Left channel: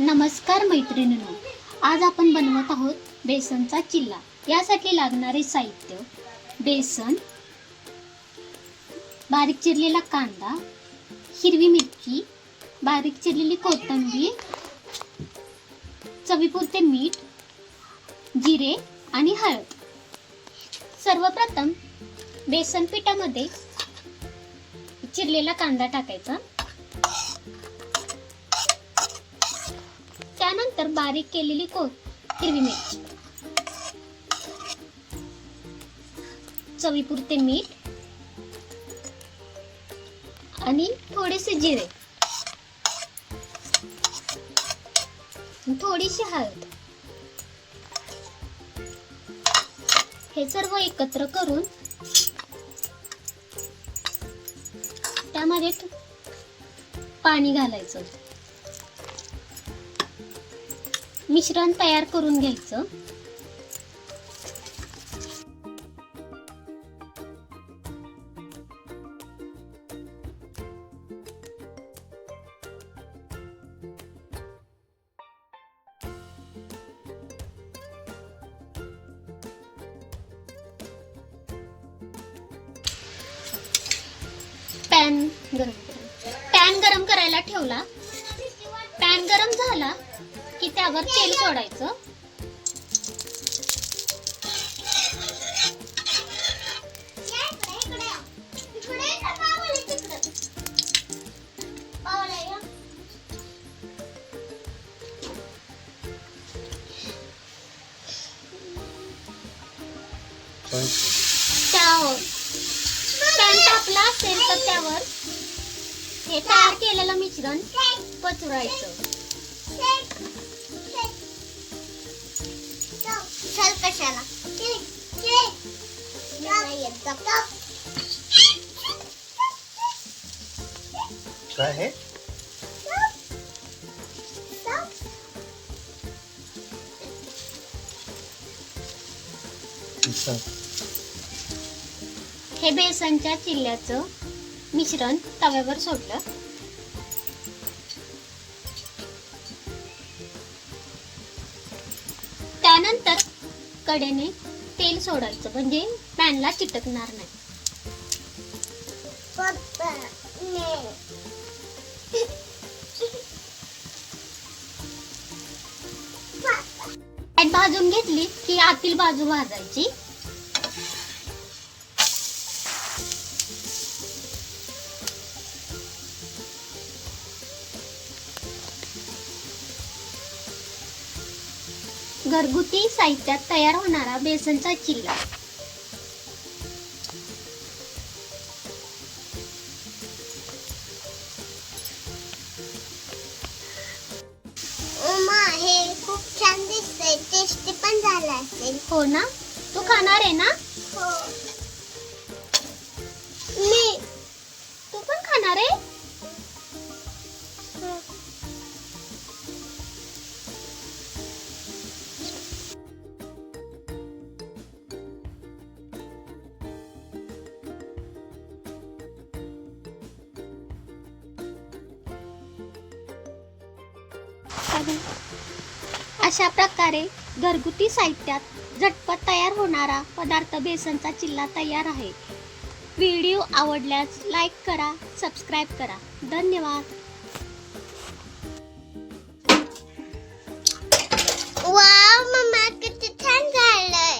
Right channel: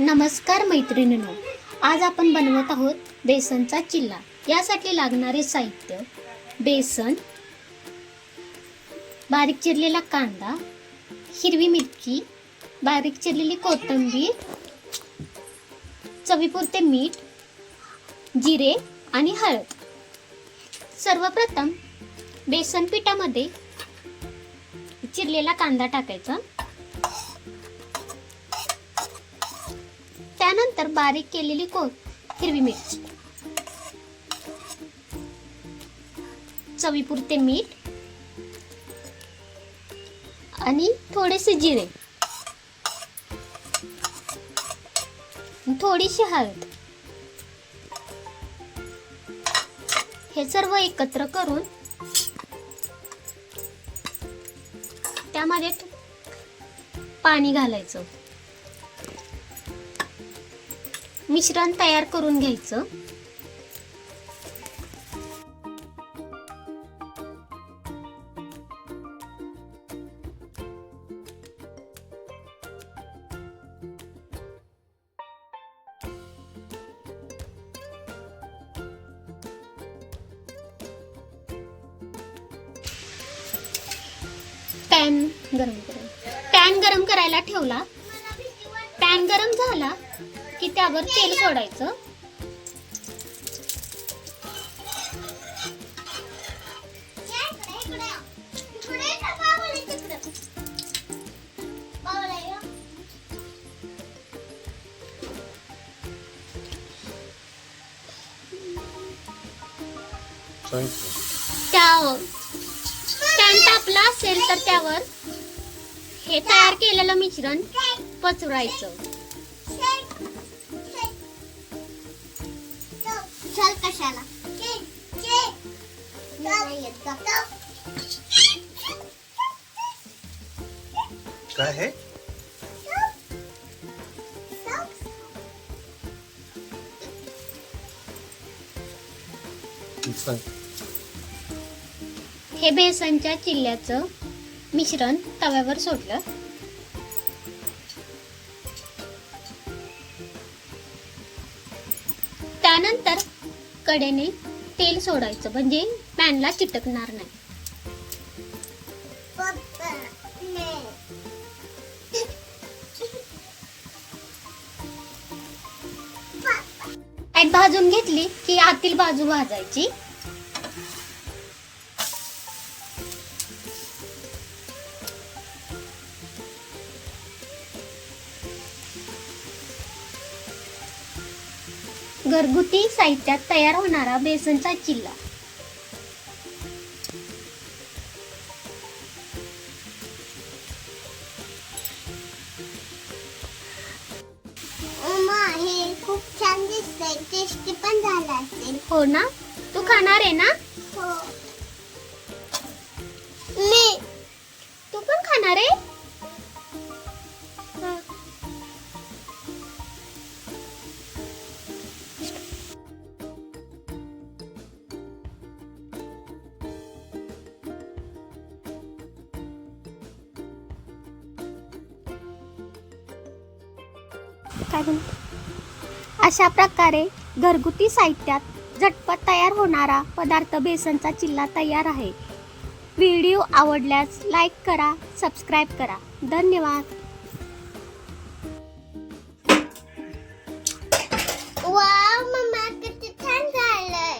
नमस्कार मैत्रिणींनो, आज आपण बनवत आहोत बेसनचा चिल्ला। यासाठी लागणारे साहित्य: बेसन, बारीक चिरलेला कांदा, हिरवी मिरची, बारीक चिरलेली कोथिंबीर, चवीपुरते मीठ, जिरे आणि हळद। सर्वप्रथम बेसन पिठामध्ये चिरलेला कांदा टाकायचा, त्यानंतर बारीक केलेली हिरवी मिरची, चवीपुरते मीठ आणि थोडेसे जिरे, थोडीशी हळद, हे सर्व एकत्र करून त्यामध्ये पाणी घालायचं, मिश्रण तयार करून घ्यायचं। पॅन गरम करायला ठेवला। पॅन गरम झाला की त्यावर तेल सोडायचं। पॅन तापला असेल तर त्यावर हे तयार केलेलं मिश्रण पसरवायचं। चल कशाला काय है? हे बेसनच्या चिल्ल्याचं मिश्रण तव्यावर सोडलं। त्यानंतर कडेने तेल सोडायचं, म्हणजे पॅनला चिटकणार नाही। भाजून घेतली की आतील बाजू भाजायची। घरगुती साहित्यात तयार होणारा बेसनचा चिल्ला। हे खूप छान दिसतंय, टेस्टी पण झाला असेल। हो ना? तू खाणार आहे ना? हो, तू पण खाणार आहे? अशा प्रकारे घरगुती साहित्यात झटपट तयार होणारा पदार्थ बेसनचा चिल्ला तयार आहे। व्हिडिओ आवडल्यास लाईक करा, सबस्क्राईब करा। धन्यवाद। वाव मम्मा, किती छान झालंय।